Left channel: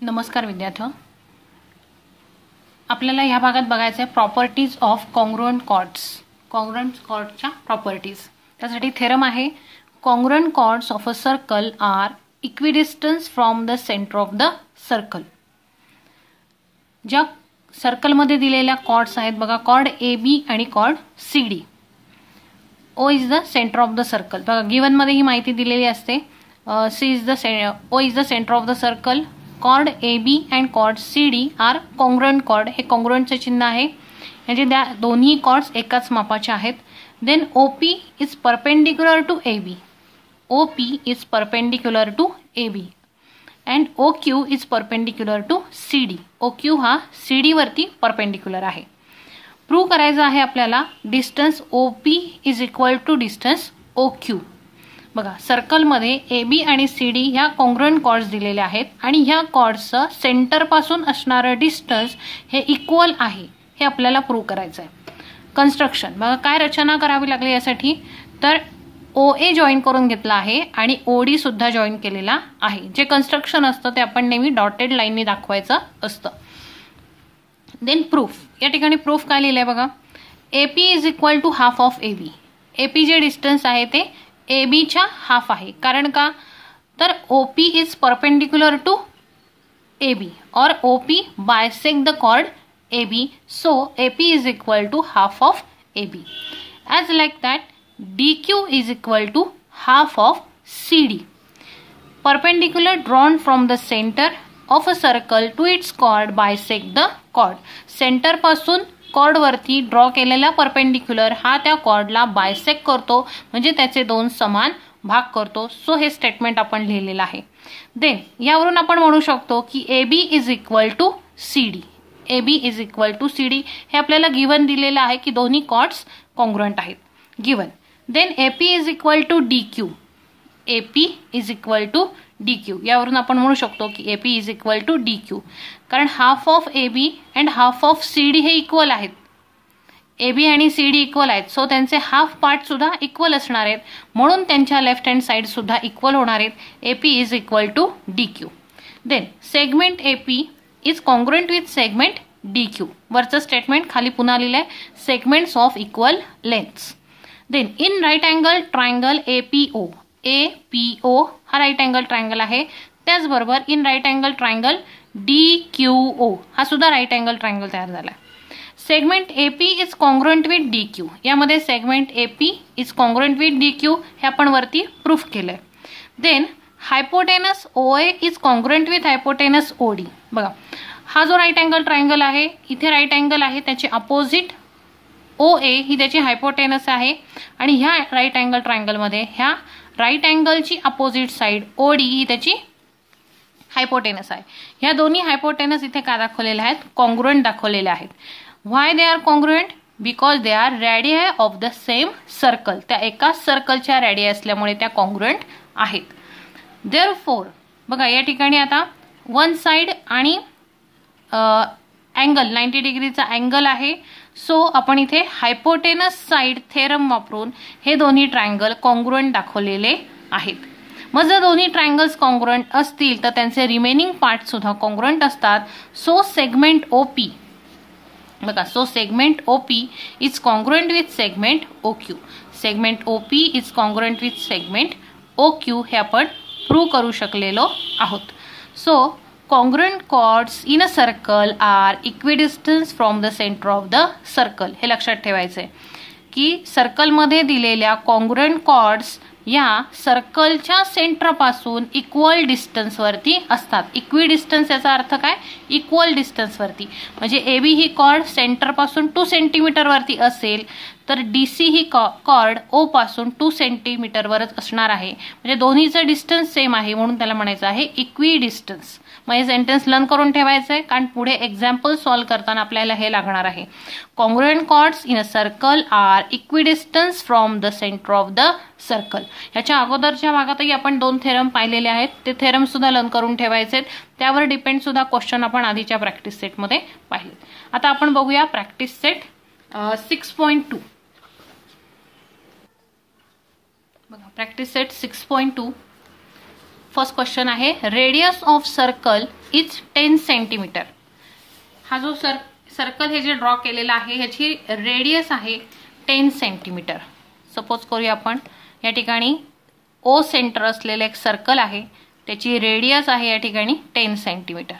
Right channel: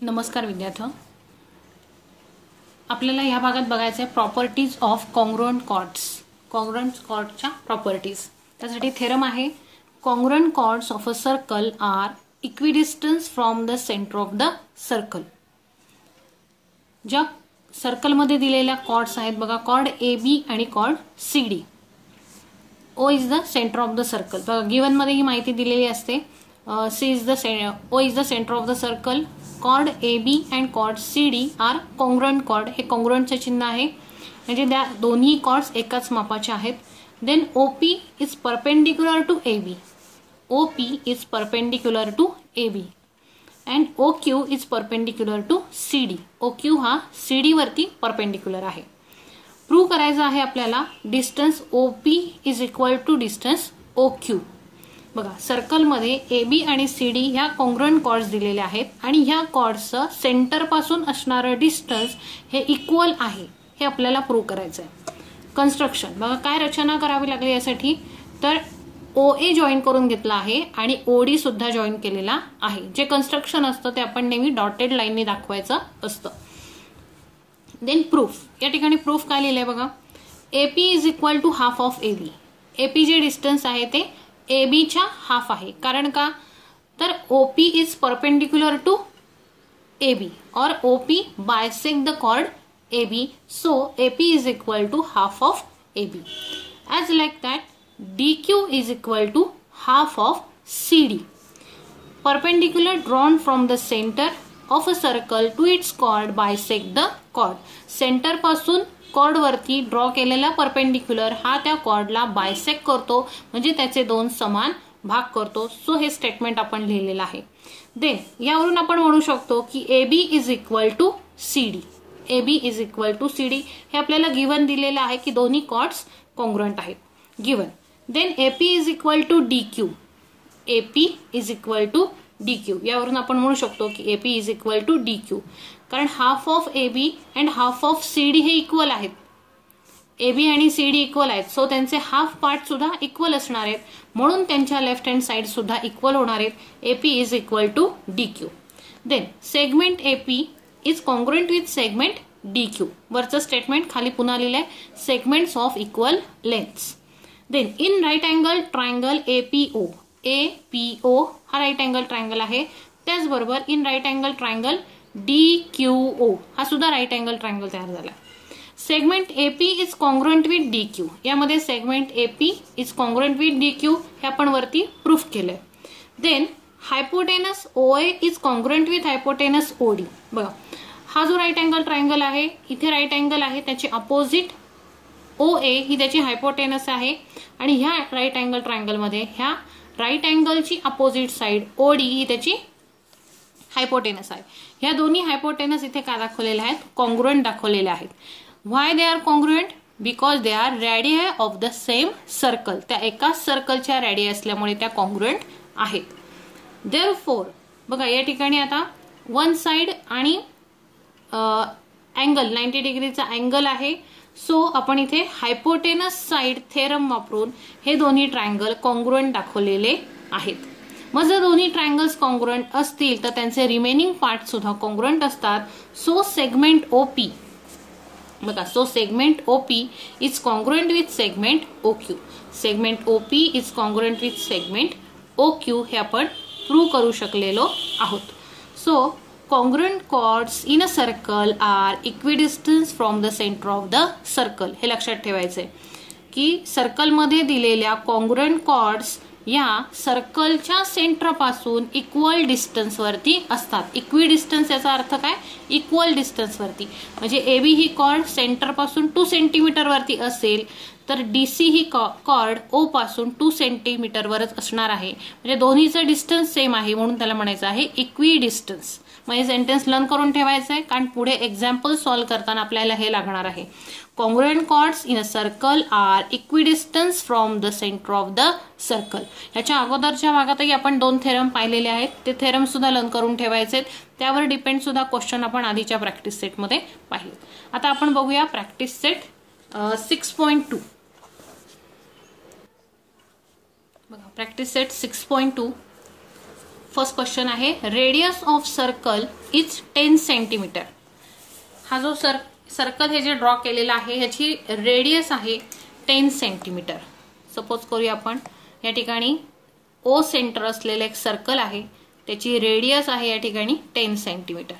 नमस्कार विद्यार्थ्यांनो, आपल्याला या भागात बघायचं आहे properties of congruent chords. Congruent कॉर्डच्या प्रॉपर्टीज. त्यासाठी थेरम आहे, congruent chords of a circle are equidistance from the centre of the circle. ज्या सर्कलमध्ये दिलेल्या कॉर्ड्स आहेत बघा, कॉर्ड ए बी आणि chord C D. O is the centre of the circle. बघा गिवन मध्ये ही माहिती दिलेली असते. O is the center of the circle. Chord AB and chord CD are congruent chord. हे congruent चे चिन्ह आहे, म्हणजे त्या दोन्ही chords एकाच मापाचे आहेत. Then OP is perpendicular to AB. OP is perpendicular to AB and OQ is perpendicular to CD. OQ हा CD वरती perpendicular आहे. प्रूव्ह करायचं आहे आपल्याला distance OP is equal to distance OQ. बघा सर्कलमध्ये ए बी आणि सी डी ह्या कॉन्ग्रुएंट कॉर्ड्स दिलेले आहेत आणि ह्या कॉर्ड्सचं सेंटर पासून असणारं डिस्टन्स हे इक्वल आहे, हे आपल्याला प्रूव्ह करायचं आहे. कन्स्ट्रक्शन बघा काय रचना करावी लागली यासाठी, तर OA जॉईन करून घेतला आहे आणि OD सुद्धा जॉईन केलेला आहे. जे कन्स्ट्रक्शन असतं ते आपण नेहमी डॉटेड लाईनने दाखवायचं असतं. Then proof. या ठिकाणी प्रूफ काय लिहिलंय बघा, AP is equal to half of AB. AP जे डिस्टन्स आहे ते AB च्या हाफ आहे. कारण का, तर OP is perpendicular to AB और OP bisect the chord AB, so AP is equal to half of AB. As like that, DQ is equal to half of CD. Perpendicular drawn from the center of a circle to its chord bisect the chord. Centre पासून cord वरती draw केलेला perpendicular हा त्या कॉर्डला bisect करतो, म्हणजे त्याचे दोन समान भाग करतो. सो हे स्टेटमेंट आपण लिहिलेलं आहे. देन यावरून आपण म्हणू शकतो की AB is equal to CD. AB is equal to CD हे आपल्याला गिवन दिलेलं आहे की दोन्ही कॉर्ड्स कॉन्ग्रुएंट आहेत, given. Then AP is equal to DQ. AP is equal to DQ यावरून आपण म्हणू शकतो की AP is equal to DQ, कारण half of AB and half of CD हे इक्वल आहेत. AB आणि CD इक्वल आहेत, सो त्यांचे हाफ पार्ट सुद्धा इक्वल असणार आहेत, म्हणून त्यांच्या लेफ्ट हँड साइड सुद्धा इक्वल होणार आहेत. AP is equal to DQ. Then segment AP is congruent with segment DQ. वरचं स्टेटमेंट खाली पुन्हा लिहिलंय, segments of equal lengths. Then in right angle triangle APO. APO हा राईट अँगल ट्रायंगल आहे. त्याचबरोबर in right angle triangle DQO हा सुद्धा right angle triangle तयार झाला. Segment AP is congruent with DQ. यामध्ये segment AP is congruent with DQ हे आपण वरती प्रूफ केलंय. Then hypotenuse OA is congruent with hypotenuse OD. बघा हा जो राईट अँगल ट्रायंगल आहे, इथे राईट अँगल आहे, त्याची अपोजिट OA ही त्याची हायपोटेनस आहे आणि ह्या राईट अँगल ट्रायंगल मध्ये ह्या राईट अँगलची अपोजिट साइड OD ही त्याची हायपोटेनस आहे. ह्या दोन्ही हायपोटेनस इथे काय दाखवलेल्या आहेत, कॉन्ग्रुएंट दाखवलेल्या आहेत. Why they are congruent, because they are radii of the same circle. त्या एकाच सर्कलच्या रेडियाई असल्यामुळे त्या कॉन्ग्रुएंट आहेत. देअरफॉर बघा या ठिकाणी आता वन साइड आणि अँगल 90 डिग्रीचा अँगल आहे, सो आपण इथे हायपोटेनस साइड थेरम वापरून हे दोन्ही ट्रायंगल कॉन्ग्रुएंट दाखवलेले आहेत. मग जर दोन्ही ट्रायंगल्स कॉन्ग्रुएंट असतील तर त्यांचे रिमेनिंग पार्ट सुद्धा कॉन्ग्रुएंट असतात. सो सेगमेंट OP बघा, so segment OP is congruent with segment OQ. Segment OP is congruent with segment OQ हे आपण प्रूव्ह करू शकलेलो आहोत. So congruent chords in a circle are equidistant from the center of the circle. हे लक्षात ठेवायचंय की सर्कलमध्ये दिलेल्या congruent chords या सर्कलच्या सेंटर पासून इक्वल डिस्टन्स वरती असतात. इक्विडिस्टन्स याचा अर्थ काय, इक्वल डिस्टन्स वरती. म्हणजे AB ही कॉर्ड सेंटर पासून 2 सेंटीमीटर वरती असेल तर DC ही कॉर्ड O पासून 2 सेंटीमीटर वरच असणार आहे. म्हणजे दोन्हीचं डिस्टन्स सेम आहे, म्हणून त्याला म्हणायचं आहे इक्विडिस्टन्स. मग हे सेंटेन्स लर्न करून ठेवायचं आहे, कारण पुढे एक्झाम्पल सॉल्व्ह करताना आपल्याला हे लागणार आहे. Congruent chords in a circle are equidistance from the centre of the circle. ह्याच्या अगोदरच्या भागातही आपण 2 थेरम पाहिलेले आहेत, ते थेरम सुद्धा लर्न करून ठेवायचे. त्यावर डिपेंड सुद्धा क्वेश्चन आपण आधीच्या प्रॅक्टिस सेटमध्ये पाहिले. आता आपण बघूया प्रॅक्टिस सेट 6.2. बघा प्रॅक्टिस सेट 6.2. फर्स्ट क्वेश्चन आहे, radius of circle is 10 centimetre. हा जो सर्कल हे जे ड्रॉ केलेला आहे ह्याची रेडियस आहे 10 सेंटीमीटर. सपोज करूया आपण या ठिकाणी ओ सेंटर असलेलं एक सर्कल आहे, त्याची रेडियस आहे या ठिकाणी 10 centimetre.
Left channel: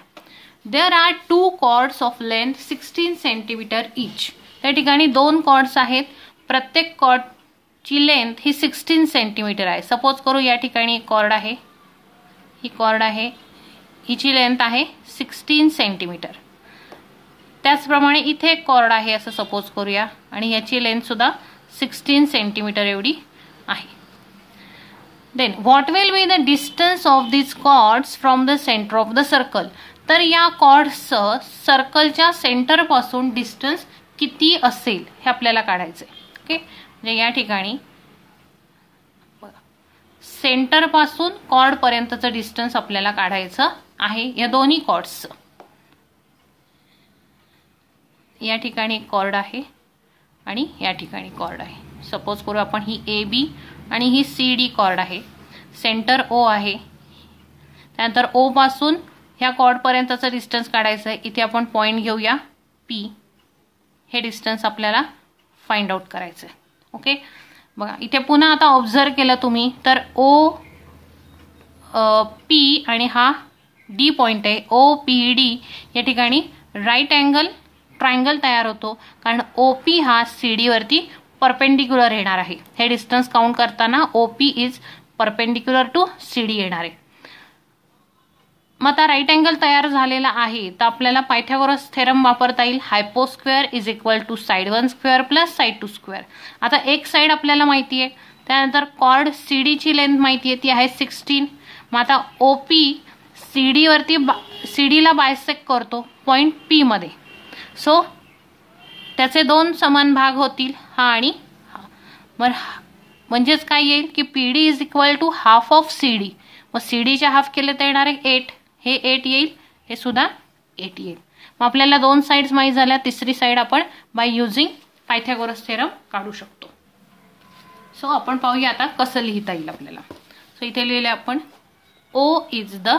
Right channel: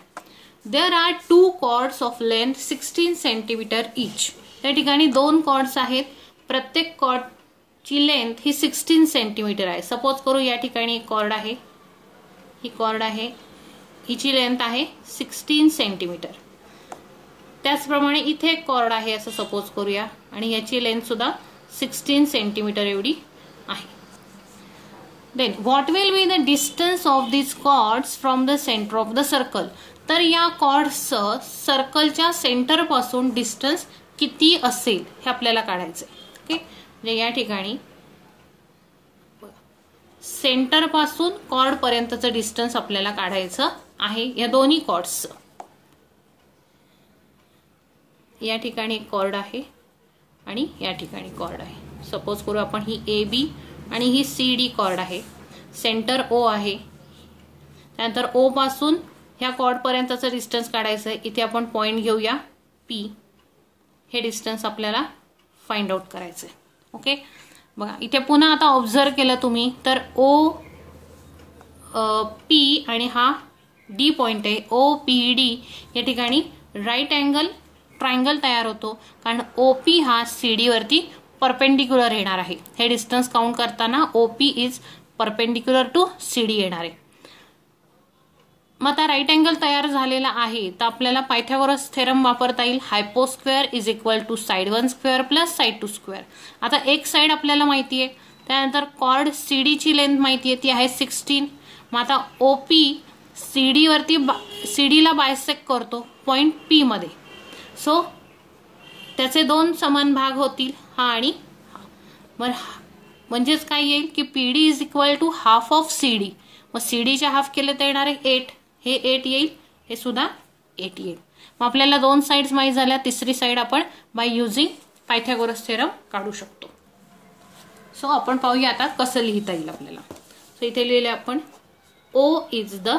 There are 2 chords of length 16 centimetre each. त्या ठिकाणी 2 कॉर्ड्स आहेत, प्रत्येक कॉर्डची लेंथ ही 16 सेंटीमीटर आहे. सपोज करू या ठिकाणी कॉर्ड आहे, ही कॉर्ड आहे, हिची लेंथ आहे 16 सेंटीमीटर. त्याचप्रमाणे इथे एक कॉर्ड आहे असं सपोज करूया आणि याची लेंथ सुद्धा 16 सेंटीमीटर एवढी आहे. Then what will be the distance of this chords from the centre of the circle. तर या कॉर्ड्सचं सर्कलच्या सेंटर पासून डिस्टन्स किती असेल हे आपल्याला काढायचंय. ओके, म्हणजे या ठिकाणी सेंटर पासून कॉर्ड पर्यंतचं डिस्टन्स आपल्याला काढायचं आहे या दोन्ही कॉर्ड्सचं. या ठिकाणी एक कॉर्ड आहे आणि या ठिकाणी कॉर्ड आहे. सपोज करू आपण ही ए बी आणि ही सी डी कॉर्ड आहे, सेंटर ओ आहे. त्यानंतर ओ पासून ह्या कॉर्ड पर्यंतचं डिस्टन्स काढायचं आहे. इथे आपण पॉइंट घेऊया पी. हे डिस्टन्स आपल्याला फाइंड आउट करायचं आहे. ओके, बघा इथे पुन्हा आता ऑब्झर्व केलं तुम्ही तर ओ पी आणि हा डी पॉइंट आहे, ओ पी डी. या ठिकाणी राईट अँगल ट्रायंगल तयार होतो कारण ओपी हा सीडी वरती परपेंडिक्युलर येणार आहे. हे डिस्टन्स काउंट करताना O P is perpendicular to C D येणार आहे. मग आता राईट अँगल तयार झालेला आहे तर आपल्याला पायथागोरस थेरम वापरता येईल. Hypo square is equal to side 1 square plus side 2 square. आता एक साइड आपल्याला माहिती आहे, त्यानंतर कॉर्ड सीडीची लेंथ माहिती आहे, ती आहे 16. मग आता ओपी सीडी वरती सीडीला बायसेक्ट करतो पॉइंट पी मध्ये. सो त्याचे 2 समान भाग होतील, हा आणि हा. म्हणजेच काय येईल की P D is equal to half of C D. मग सीडीच्या हाफ केले तर येणार आहे 8. हे 8 येईल, हे सुद्धा 8 येईल. मग आपल्याला 2 साइड्स माहित झाल्या, तिसरी साइड आपण बाय युजिंग पायथागोरस थेरम काढू शकतो. सो आपण पाहूया आता कसं लिहिता येईल आपल्याला. सो इथे लिहिले आपण O is the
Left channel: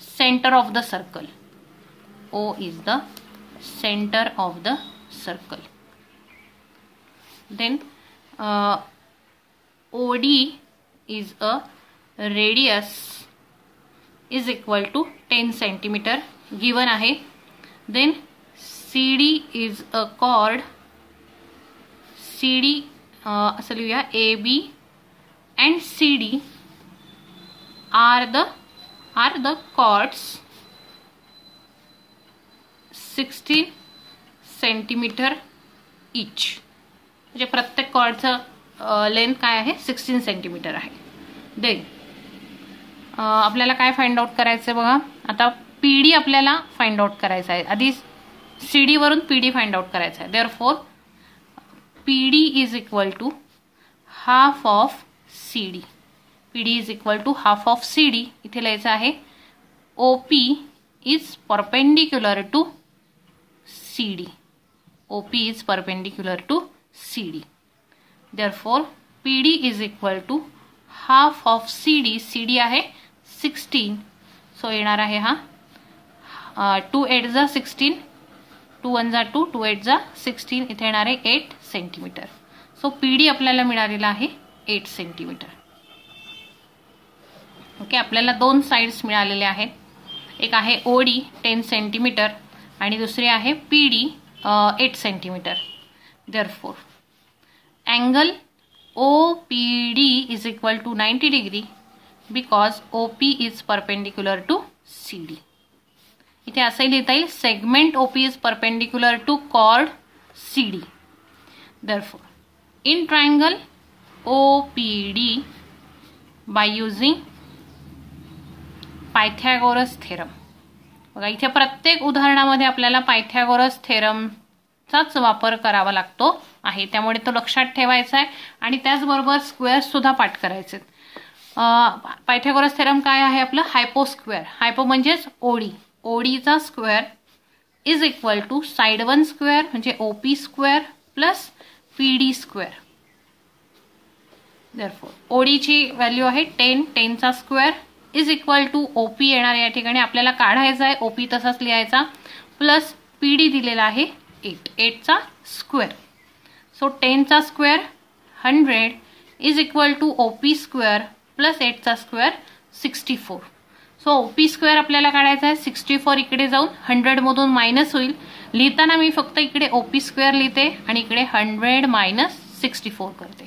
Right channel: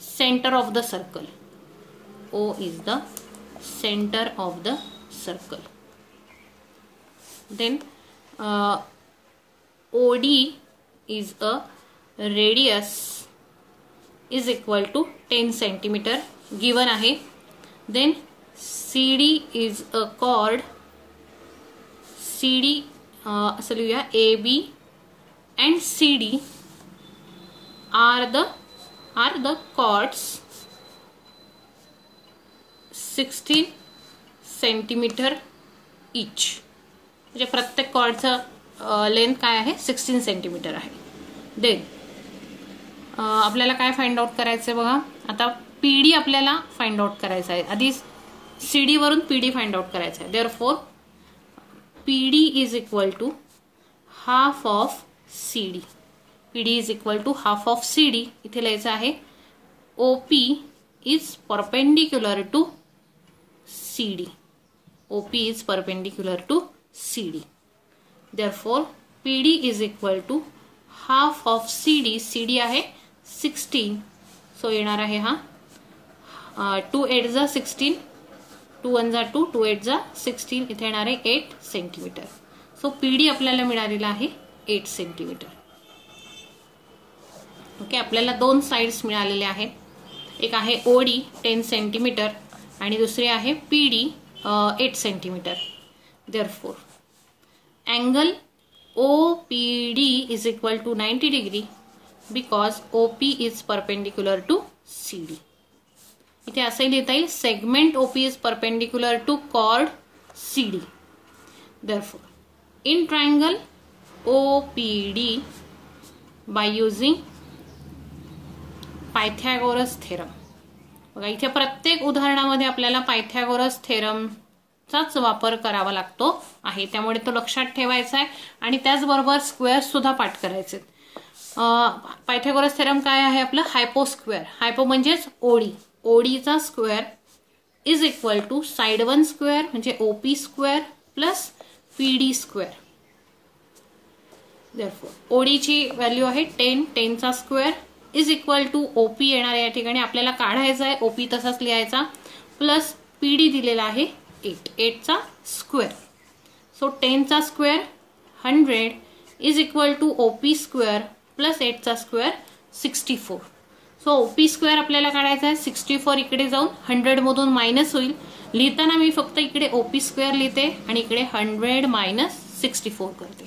centre of the circle. O is the center of the circle. Then OD is a radius is equal to 10 centimeter given आहे. Then CD is a chord. CD असं लिहूया AB and CD are the chords 16 centimetre इच. म्हणजे प्रत्येक कॉर्डचं length काय आहे 16 centimetre आहे. Then आपल्याला काय फाइंड आउट करायचं बघा. आता पीडी आपल्याला फाइंड आउट करायचं आहे. आधी सीडी वरून पीडी फाइंड आउट करायचं आहे. Therefore P D is equal to half of C D. P D is equal to half of C D. इथे लिहायचं आहे O P is perpendicular to CD. OP is perpendicular to CD. Therefore, PD is equal to half of CD. CD आहे 16. So येणार आहे हा 2 8 जा 16, 2 1 जा 2, 2 8 जा 16. इथे येणार आहे 8 सेंटीमीटर. सो PD आपल्याला मिळालेला आहे 8 सेंटीमीटर. ओके, आपल्याला 2 साइड्स मिळालेले आहेत. एक आहे OD 10 सेंटीमीटर आणि दुसरी आहे PD 8 centimetre. Therefore angle OPD is equal to 90 degree because OP is perpendicular to CD. इथे असंही लिहिता येईल segment OP is perpendicular to chord CD. Therefore in triangle OPD by using Pythagoras theorem. बघा इथे प्रत्येक उदाहरणामध्ये आपल्याला पायथागोरस थेरमचाच वापर करावा लागतो आहे, त्यामुळे तो लक्षात ठेवायचा आहे. आणि त्याचबरोबर स्क्वेअर सुद्धा पाठ करायचे. पायथागोरस थेरम काय आहे आपलं हायपोस्क्वेअर. हायपो म्हणजेच ओडी. ओडीचा square is equal to side 1 square म्हणजे OP square plus PD square. Therefore ओडीची व्हॅल्यू आहे 10. 10चा square is equal to OP येणार या ठिकाणी आपल्याला काढायचा आहे, ओपी तसाच लिहायचा, प्लस पीडी दिलेला आहे 8 चा स्क्वेअर. सो 10 चा square 100 is equal to OP square plus 8 चा स्क्वेअर 64. सो ओपी स्क्वेअर आपल्याला काढायचा आहे, 64 इकडे जाऊन 100 मधून मायनस होईल. लिहिताना मी फक्त इकडे ओपी स्क्वेअर लिहिते आणि इकडे 100 मायनस 64 करते.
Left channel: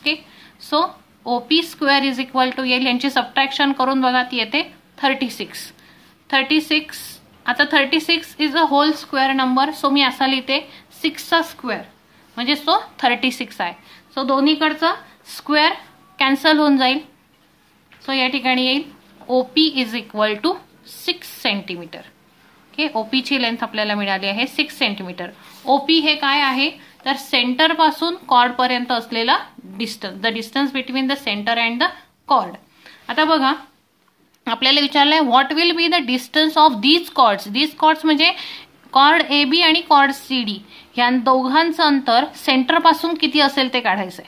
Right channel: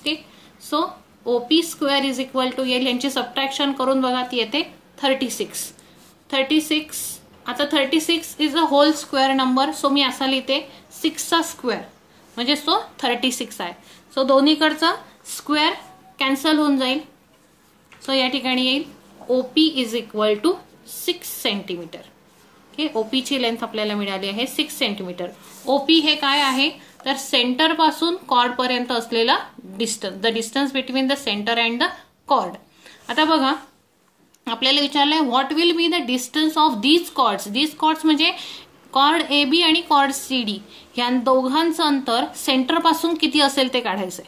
Okay, so OP square is equal to येईल, यांची सबट्रॅक्शन करून बघा ती येते 36. 36 आता 36 is a whole square number, so मी असा लिहिते 6 चा स्क्वेअर म्हणजे सो 36 आहे. सो दोन्हीकडचा स्क्वेअर कॅन्सल होऊन जाईल. सो या ठिकाणी येईल OP is equal to 6 centimetre. Okay, ओपीची लेंथ आपल्याला मिळाली आहे 6 सेंटीमीटर. ओपी हे काय आहे तर सेंटर पासून कॉर्ड पर्यंत असलेला distance, the distance between the centre and the chord. आता बघा आपल्याला विचारलंय what will be the distance of these chords. These chords म्हणजे कॉर्ड ए बी आणि कॉर्ड सी डी या दोघांचं अंतर सेंटर पासून किती असेल ते काढायचंय.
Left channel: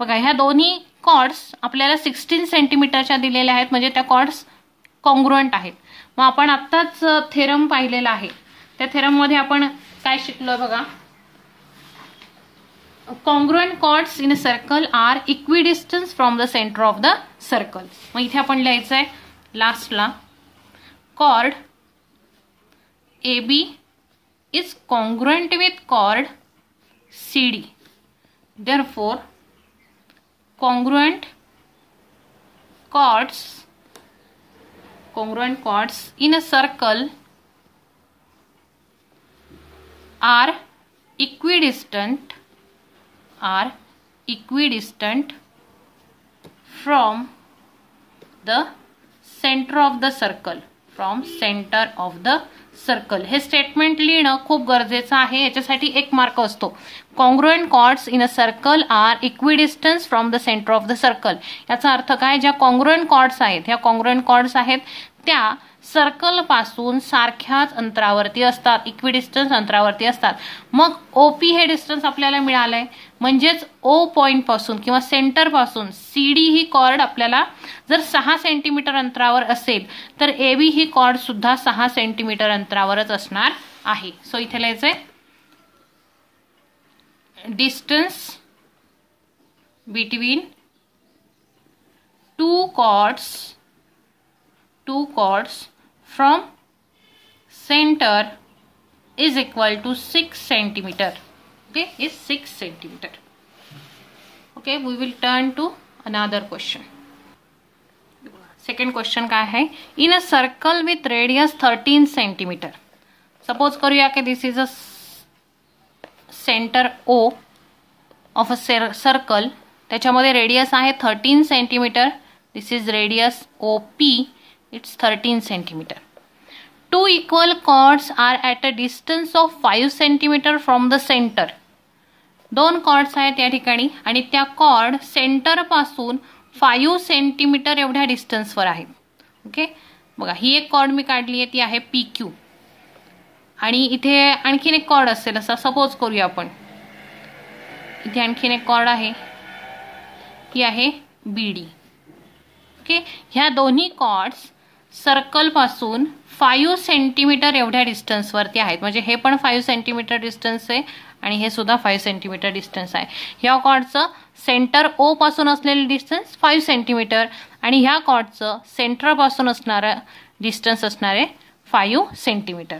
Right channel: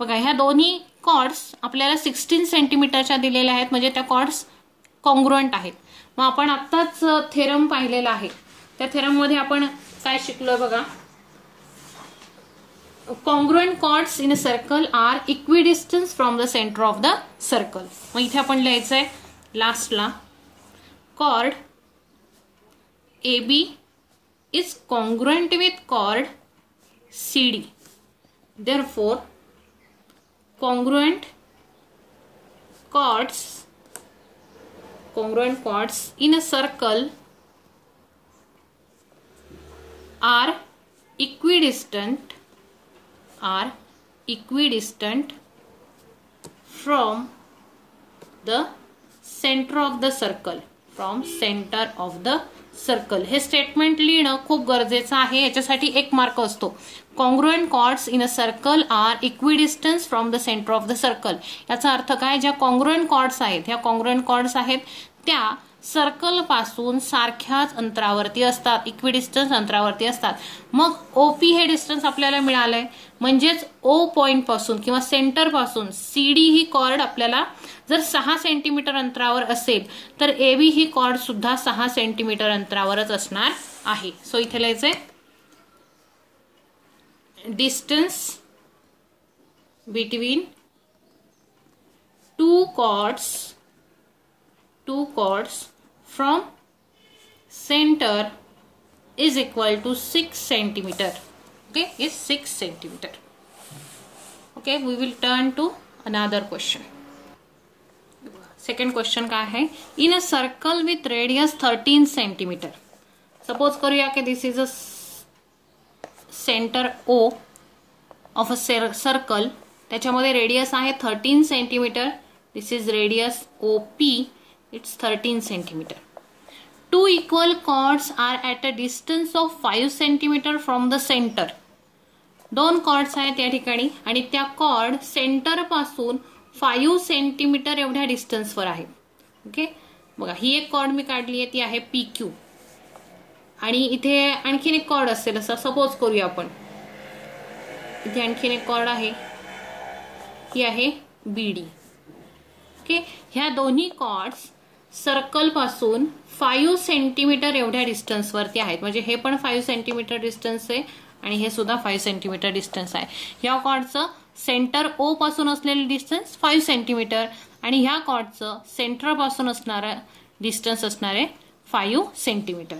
बघा ह्या दोन्ही कॉर्ड्स आपल्याला 16 सेंटीमीटरच्या दिलेल्या आहेत, म्हणजे त्या कॉर्ड्स कॉन्ग्रुएंट आहेत. मग आपण आत्ताच थेरम पाहिलेला आहे, त्या थेरम मध्ये आपण काय शिकलो बघा, congruent chords in a circle are equidistant from the center of the circle. मग इथे आपण लिहायचं आहे लास्टला chord AB is congruent with chord CD. Therefore, congruent chords in a circle are equidistant from the center of the circle. हे statement लिहिणं खूप गरजेचं आहे, याच्यासाठी 1 मार्क असतो. Congruent chords in a circle are equidistance from the centre of the circle. याचा अर्थ काय, ज्या कॉन्ग्रुएंट कॉर्ड्स आहेत ह्या कॉन्ग्रुएंट कॉर्ड्स आहेत त्या सर्कल पासून सारख्याच अंतरावरती असतात, इक्विडिस्टन्स अंतरावरती असतात. मग ओपी हे डिस्टन्स आपल्याला मिळालंय, म्हणजेच ओ पॉइंट पासून किंवा सेंटर पासून सीडी ही कॉर्ड आपल्याला जर 6 सेंटीमीटर अंतरावर असेल तर एबी ही कॉर्ड सुद्धा 6 सेंटीमीटर अंतरावरच असणार आहे. सो इथे लिहायचंय distance between two chords from center is equal to 6 centimeter. Okay, is 6 centimeter. Okay, we will turn to another question. Second question काय आहे, in a circle with radius 13 centimeter. Suppose करूया की this is a center O of a circle, त्याच्यामध्ये radius आहे 13 centimetre. This is radius OP. It's 13 centimeter. Two equal chords are at a distance of 5 centimeter from the center. 2 chords आहेत या ठिकाणी आणि त्या cord centre पासून 5 centimetre एवढ्या डिस्टन्सवर आहेत. ओके, बघा ही एक कॉर्ड मी काढली आहे ती आहे PQ आणि इथे आणखीन एक कॉर्ड असेल असं सपोज करूया आपण. इथे आणखीन एक कॉर्ड आहे, ही आहे BD. ओके, ह्या दोन्ही कॉर्ड्स सर्कल पासून 5 सेंटीमीटर एवढ्या डिस्टन्स वरती आहेत, म्हणजे हे पण 5 सेंटीमीटर डिस्टन्स आहे आणि हे सुद्धा 5 सेंटीमीटर डिस्टन्स आहे. ह्या कॉर्डचं सेंटर O पासून असलेले डिस्टन्स 5 सेंटीमीटर आणि ह्या कॉर्डचं सेंटर पासून असणारा डिस्टन्स असणारे 5 centimetre.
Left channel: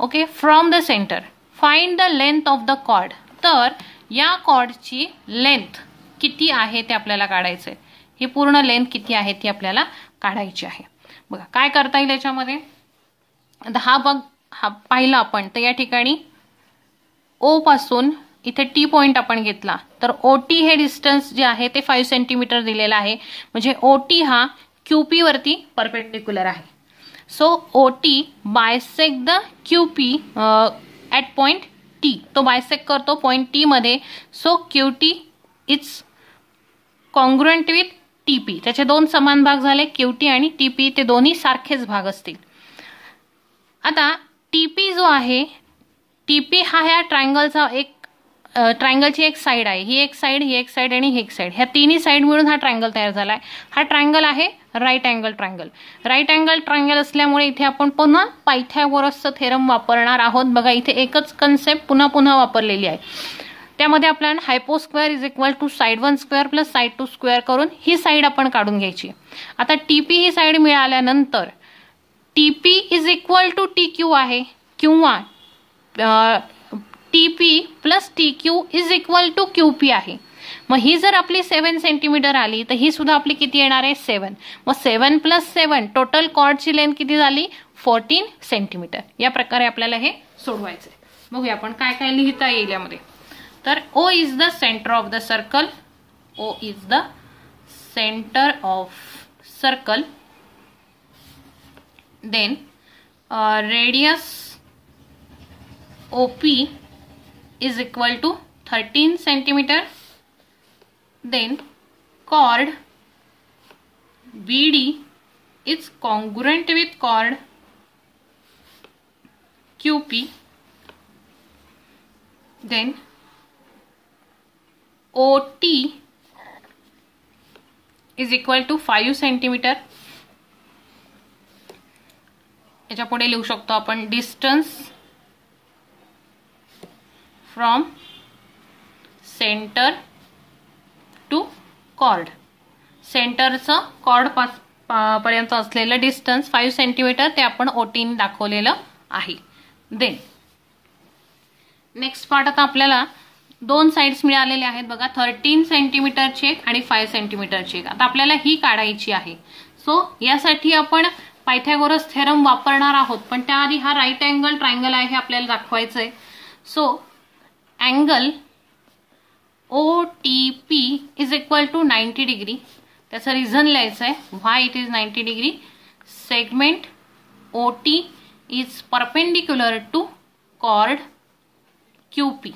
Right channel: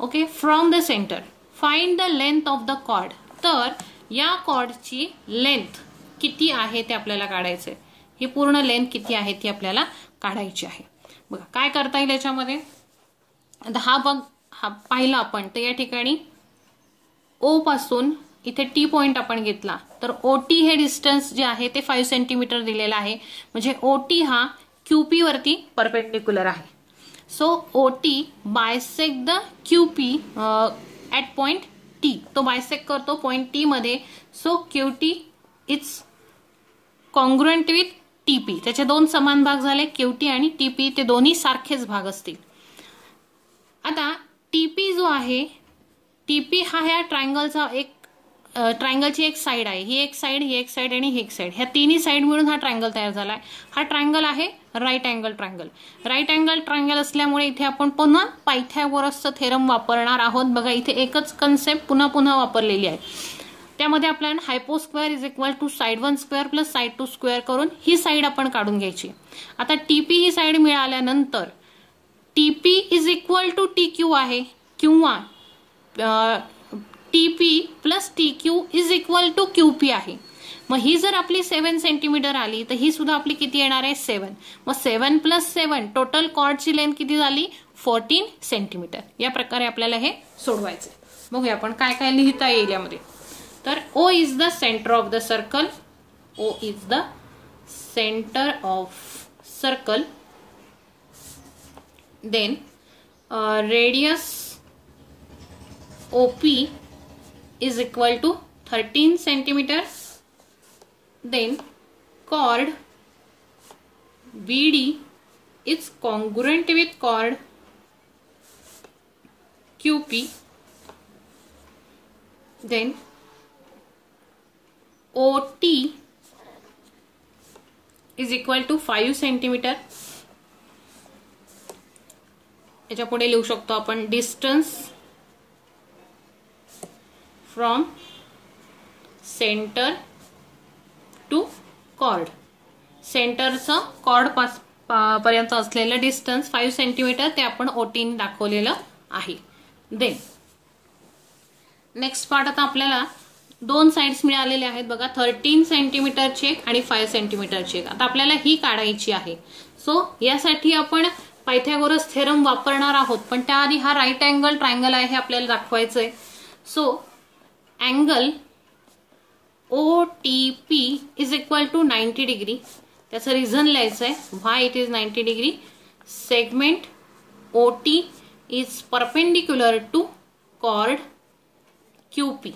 Okay, from the centre find the length of the chord. तर या कॉर्डची लेंथ किती आहे ते आपल्याला काढायचंय. ही पूर्ण लेंथ किती आहे ती आपल्याला काढायची आहे. बघा काय करता येईल याच्यामध्ये, हा पाहिला आपण तर या ठिकाणी O पासून इथे T पॉइंट आपण घेतला तर OT हे डिस्टन्स जे आहे ते 5 सेंटीमीटर दिलेलं आहे, म्हणजे OT हा QP वरती परपेंडिक्युलर आहे. So OT bisect the QP at point T. तो बायसेक्ट करतो पॉइंट T मध्ये. So QT is congruent with TP. त्याचे 2 समान भाग झाले, QT आणि TP, ते दोन्ही सारखेच भाग असतील. आता TP जो आहे, TP हा ह्या ट्रायंगलचा एक ट्रायंगलची एक साइड आहे, ही एक साइड, ही एक साइड आणि ही एक साइड, ह्या तिन्ही साइड मिळून हा ट्रायंगल तयार झालाय. हा ट्रायंगल आहे right angle triangle. Right angle triangle असल्यामुळे इथे आपण पुन्हा पायथागोरसचा थेरम वापरणार आहोत. बघा इथे एकच कन्सेप्ट पुन्हा पुन्हा वापरलेली आहे. त्यामध्ये आपल्याला hypo square is equal to side 1 square plus side 2 square करून ही साइड आपण काढून घ्यायची. आता टीपी ही साइड मिळाल्यानंतर TP is equal to TQ आहे किंवा TP plus TQ is equal to QP आहे. मग ही जर आपली 7 सेंटीमीटर आली तर ही सुद्धा आपली किती येणार आहे 7. मग 7 प्लस 7 टोटल कॉर्डची लेंथ किती झाली 14 सेंटीमीटर. या प्रकारे आपल्याला हे सोडवायचं. बघूया आपण काय काय लिहिता येईल यामध्ये. तर O is the centre of the circle. O is the centre of circle. Then radius OP is equal to 13 centimeter. Then chord BD is congruent with chord QP. Then OT is equal to 5 centimeter. याच्या पुढे लिहू शकतो आपण distance from centre to chord. सेंटरचं chord पर्यंत असलेलं distance 5 centimetre ते आपण ओटीने दाखवलेलं आहे. देन नेक्स्ट पार्ट आता आपल्याला 2 साइड्स मिळालेले आहेत. बघा 13 सेंटीमीटरची एक आणि 5 सेंटीमीटरची एक. आता आपल्याला ही काढायची आहे. सो यासाठी आपण पायथागोरस थेरम वापरणार आहोत. पण त्याआधी हा राईट अँगल ट्रायंगल आहे हे आपल्याला दाखवायचं आहे. So angle OTP is equal to 90 degree. त्याचं रिझन लिहायचं आहे why it is 90 degree. Segment OT is perpendicular to chord QP.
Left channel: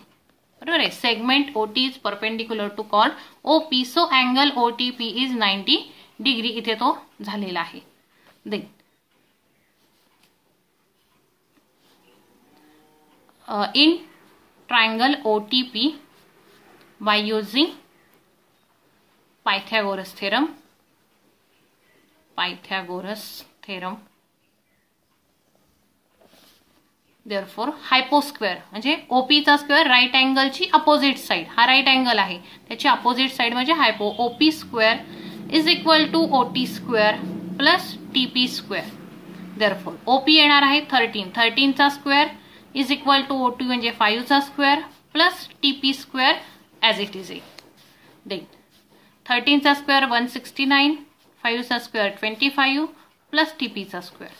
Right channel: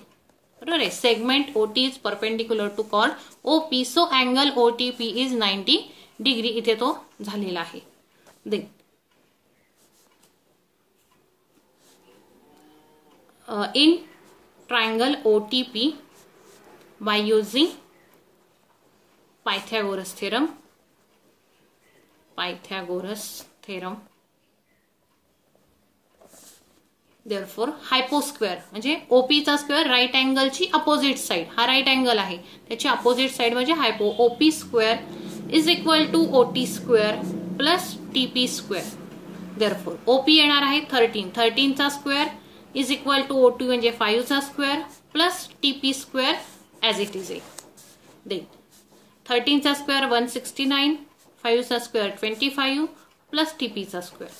बरोबर आहे. Segment OT is perpendicular to chord OP. So angle OTP is 90 degree. इथे तो झालेला आहे. Then in triangle OTP by using Pythagoras theorem. Therefore hyposquare म्हणजे OP चा square right अँगलची opposite side. हा राईट अँगल आहे त्याची अपोजिट साइड म्हणजे hypo. OP square is equal to OT square plus TP square. Therefore OP येणार आहे 13. 13 चा square is equal to OT म्हणजे 5 चा square plus TP square as it is. Then 13 चा स्क्वेअर 169, 5 चा स्क्वेअर 25 प्लस TP चा स्क्वेअर.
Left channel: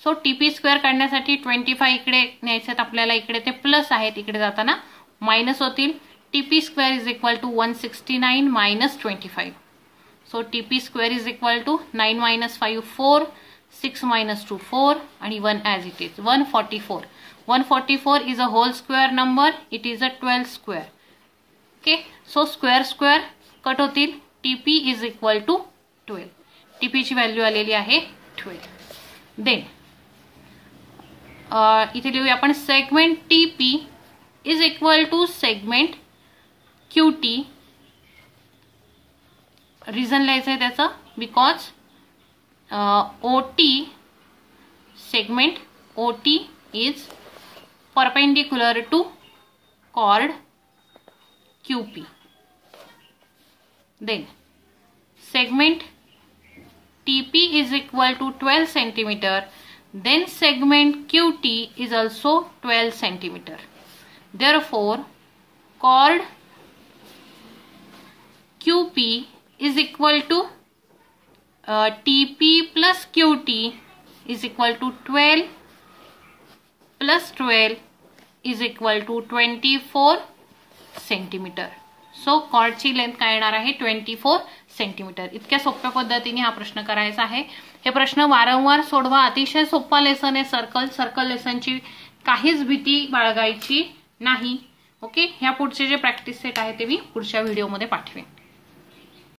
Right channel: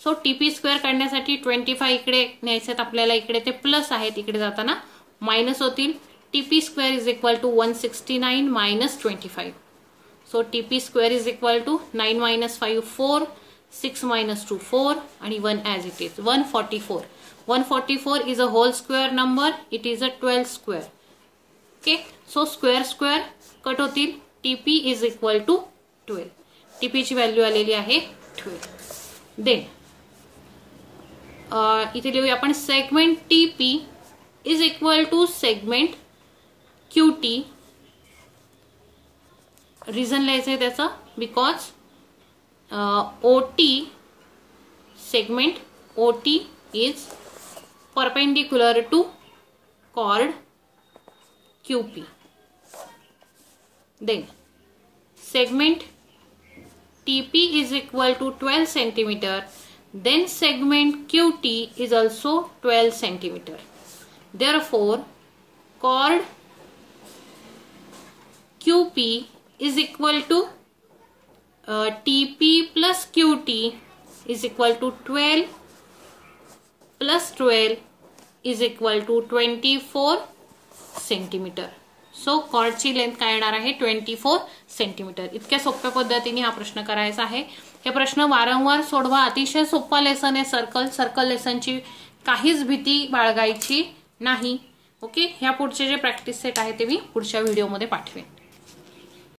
सो TP स्क्वेअर काढण्यासाठी 25 इकडे न्यायचं आपल्याला. इकडे ते प्लस आहेत, इकडे जाताना मायनस होतील. TP square is equal to 169 minus 25. So TP square is equal to 9 minus 5 4, 6 minus 2 4 आणि 1 as it is 144. 144 is a whole square number. It is a 12 square. Okay. So square square cut होतील. TP is equal to 12. TP ची value आलेली आहे 12. Then इथे लिहूया आपण segment TP is equal to segment QT. Reason लिहायचं आहे त्याचं because OT segment OT is perpendicular to chord QP. Then segment TP is equal to 12 centimeter. Then segment QT is also 12 centimeter. Therefore chord QP is equal to TP plus QT is equal to 12 plus 12 is equal to 24 centimetre. So कॉर्डची length काय येणार आहे 24 centimetre. इतक्या सोप्या पद्धतीने हा प्रश्न करायचा आहे. हे प्रश्न वारंवार सोडवा. अतिशय सोपा लेसन आहे सर्कल लेसनची काहीच भीती बाळगायची नाही. ओके. ह्या पुढचे जे प्रॅक्टिस सेट आहे ते मी पुढच्या व्हिडिओमध्ये पाठवेन.